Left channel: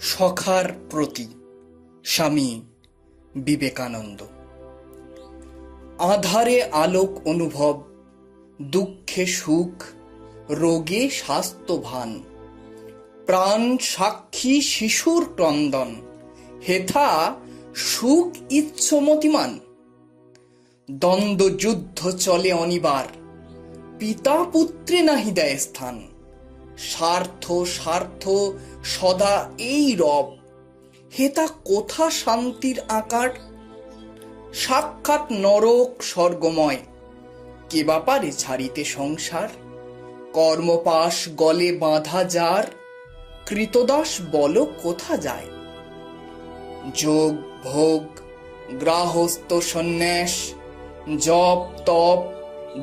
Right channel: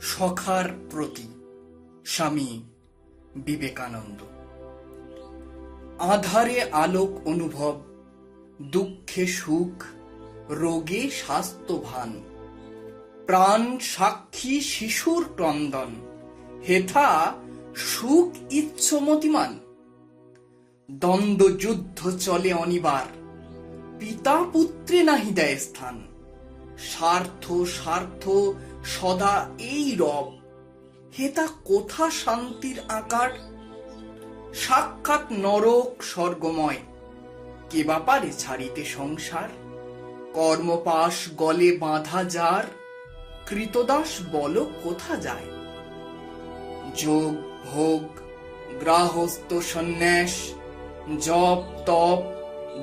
সখার প্রতি স্বামী বিবেকানন্দ। আধারে আলোক অনুভব, দুঃখে সুখ, রোগে স্বাস্থ্যভান, প্রাণ সাক্ষী শিশুর ক্রন্দন, হেথা সুখ ইচ্ছমতিমান। দ্বন্দ্ব যুদ্ধ চলে অনিবার, পিতা পুত্রে নাহি দেয় স্থান। স্বার্থ স্বার্থ সদা এই রব, হেতা কোথা শান্তির আকার। সাক্ষাৎ নরক স্বর্গময়, কে বা পারে ছাড়িতে সংসার। কর্মপাশ গলে বাঁধা যার, কৃতদাস বল কোথা যায়। যোগ ভোগ গ্রাহস্থ সন্ন্যাস, জপ তপ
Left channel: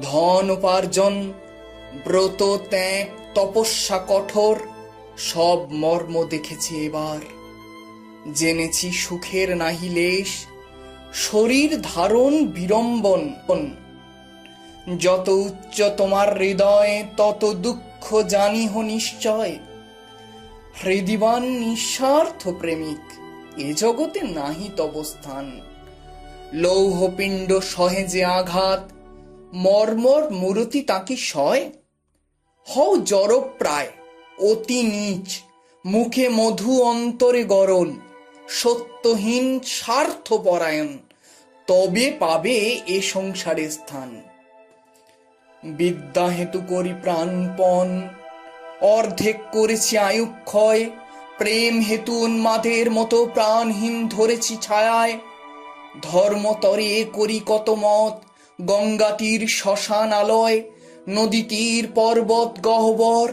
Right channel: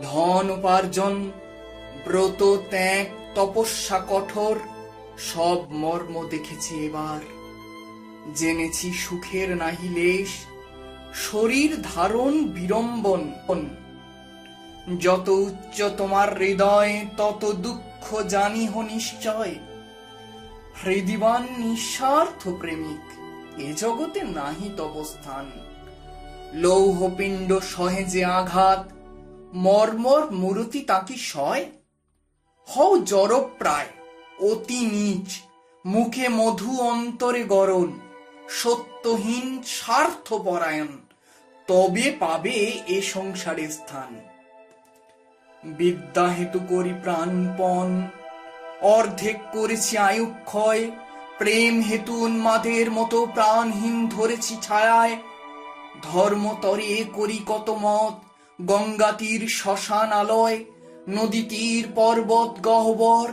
ধন উপার্জন, ব্রত ত্যাগ তপস্যা কঠোর, সব মর্ম দেখেছি এবার। জেনেছি সুখের নাহি লেশ, শরীর ধারণ বিড়ম্বন। যত উচ্চ তোমার হৃদয়, তত দুঃখ জানিহ নিশ্চয়। হৃদিবান নিঃস্বার্থ প্রেমিক, এ জগতে নাহি তব স্থান। লৌহপিণ্ড সহে যে আঘাত, মর্মর মূরতি তাকে সয়। হও জড়প্রায় অতি নীচ, মুখে মধু অন্তরে গরল। সত্যহীন স্বার্থপরায়ণ, তবে পাবে এ সংসারে স্থান। বিদ্যা হেতু করি প্রাণপণ, অর্ধেক করেছি আয়ুক্ষয়। প্রেম হেতু উন্মাদের মতো প্রাণহীন ধরেছি ছায়ায়। ধর্মতরে করি কত মত, গঙ্গা তীর শ্মশান আলয়। নদী তীর পর্বত গহ্বর,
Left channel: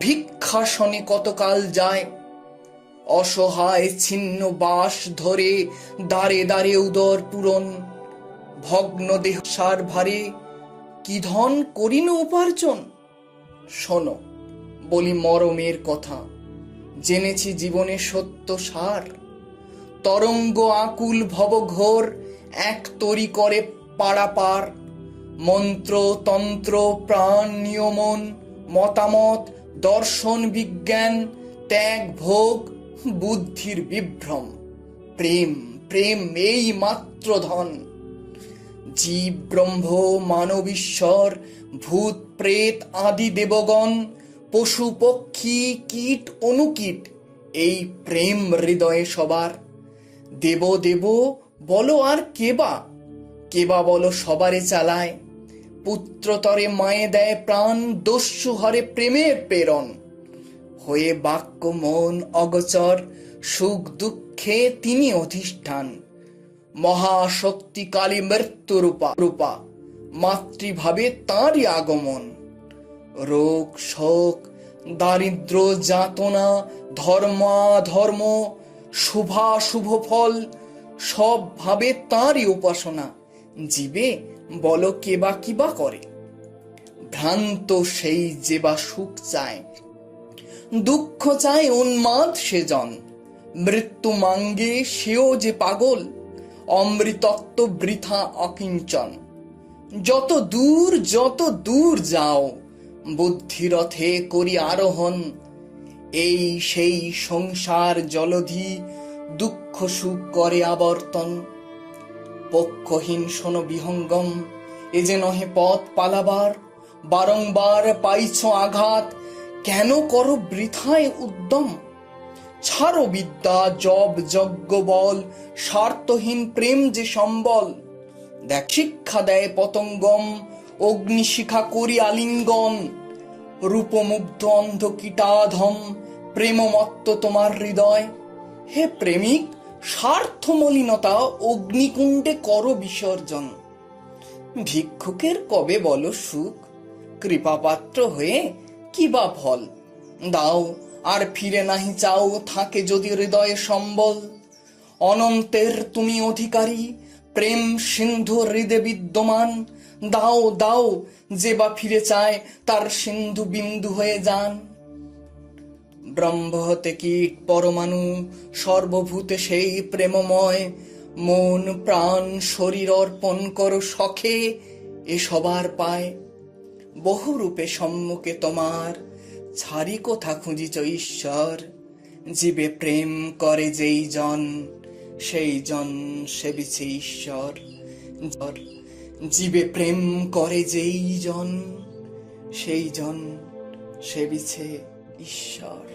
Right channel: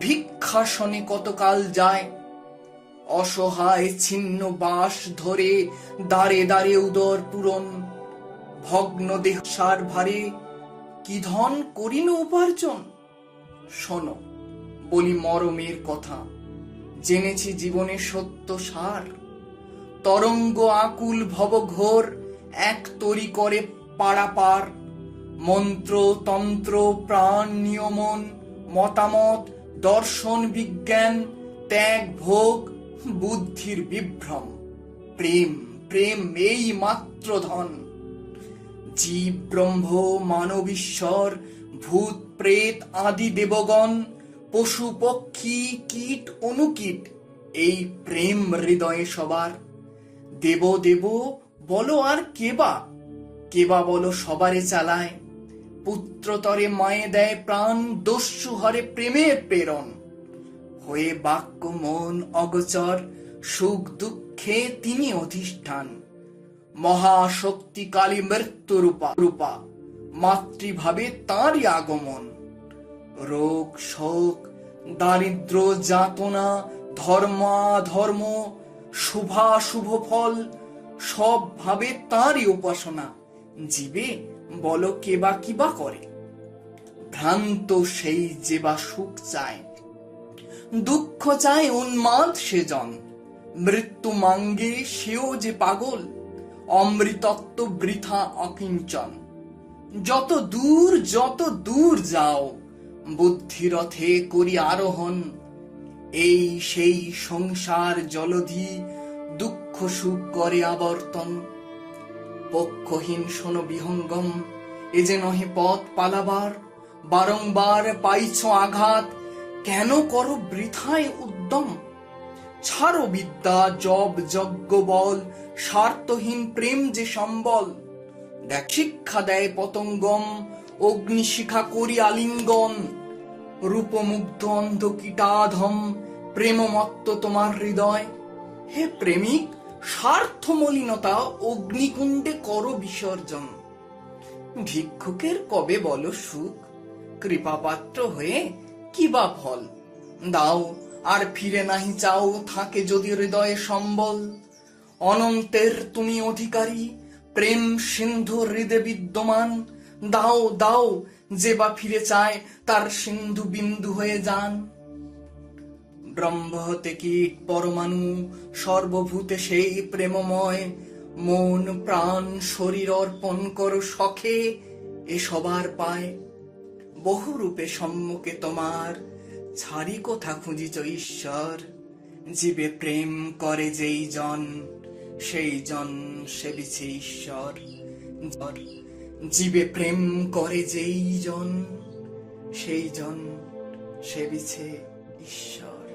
ভিক্ষাসনে কতকাল যায়। অসহায় ছিন্ন বাস ধরে, দ্বারে দ্বারে উদর পূরণ। ভগ্ন দেহ সার ভারে, কি ধন করিন উপার্জন। শোনো বলি মরমের কথা, জেনেছি জীবনের সত্য সার। তরঙ্গ আকুল ভবঘোর, এক তরি করে পারাপার। মন্ত্র তন্ত্র প্রাণ নিয়মন, মতামত দর্শন বিজ্ঞান, ত্যাগ ভোগ বুদ্ধির বিভ্রম। প্রেম প্রেম এই মাত্র ধন। জীব ব্রহ্ম মানব ঈশ্বর, ভূত প্রেত আদি দেবগণ, পশু পক্ষী কীট অনুকীট, এই প্রেম হৃদয়ে সবার। দেব দেব বলো আর কেবা বলো সবারে চালায়। পুত্রতরে মায়ে দেয় প্রাণ, দস্যু হরে প্রেমের প্রেরণ। হয়ে বাক্য মন অগোচর, সুখ দুঃখে তিনি অধিষ্ঠান। মহাশক্তি কালী মৃত্যু রূপা, মাতৃভাবে তাঁরই আগমন। রোগ শোক দারিদ্র যাতনা, ধর্মাধর্ম শুভাশুভ ফল, সব ভাবে তাঁরই উপাসনা। জীবে বলো কেবা কিবা করে, ভ্রান্ত সেই যে বা সুখ চায়। দুঃখ চায় উন্মাদ সেজন, মৃত্যু মাঙ্গে সেও যে পাগল। অমৃতত্ব বৃথা অকিঞ্চন, যত দূর যাও, বুদ্ধিরথে করি আরোহণ। এই সেই সংসার জলধি, দুঃখ সুখ করে আবর্তন। পক্ষহীন শোনো বিহঙ্গম, এ যে নহে পথ পালাবার। বারংবার পাইছ আঘাত, কেন করো বৃথায় উদ্যম। ছাড়ো বিদ্যা জব যজ্ঞ বল, স্বার্থহীন প্রেম যে সম্বল। দেখ শিক্ষা দেয় পতঙ্গম, অগ্নিশিখা করি আলিঙ্গন। রূপমুগ্ধ অন্ধ কীটাধম, প্রেমমত্ত তোমার হৃদয়। হে প্রেমিক, স্বার্থ মলিনতা অগ্নিকুণ্ডে করো বিসর্জন। ভিক্ষুকের কবে বলো সুখ, কৃপাপাত্র হয়ে কি বা ফল। দাও আর ফিরে নাহি চাও, থাকে যদি হৃদয়ে সম্বল। অনন্তের তুমি অধিকারী, প্রেম সিন্ধু হৃদে বিদ্যমান। দাও দাও যে বা ফিরে চায়, তার সিন্ধু বিন্দু হয়ে যান। ব্রহ্ম হতে কীট পরমাণু, সর্বভূতে সেই প্রেমময়। মন প্রাণ শরীর অর্পণ করো শখে, এ সবার পায়। বহু রূপে সম্মুখে তোমার, ছাড়ি কোথা খুঁজিছ ঈশ্বর। জীবে প্রেম করে যেই জন, সেই জন সেবিছে ঈশ্বর। জীবে প্রেম করে যেই জন, সেই জন সেবিছে ঈশ্বর।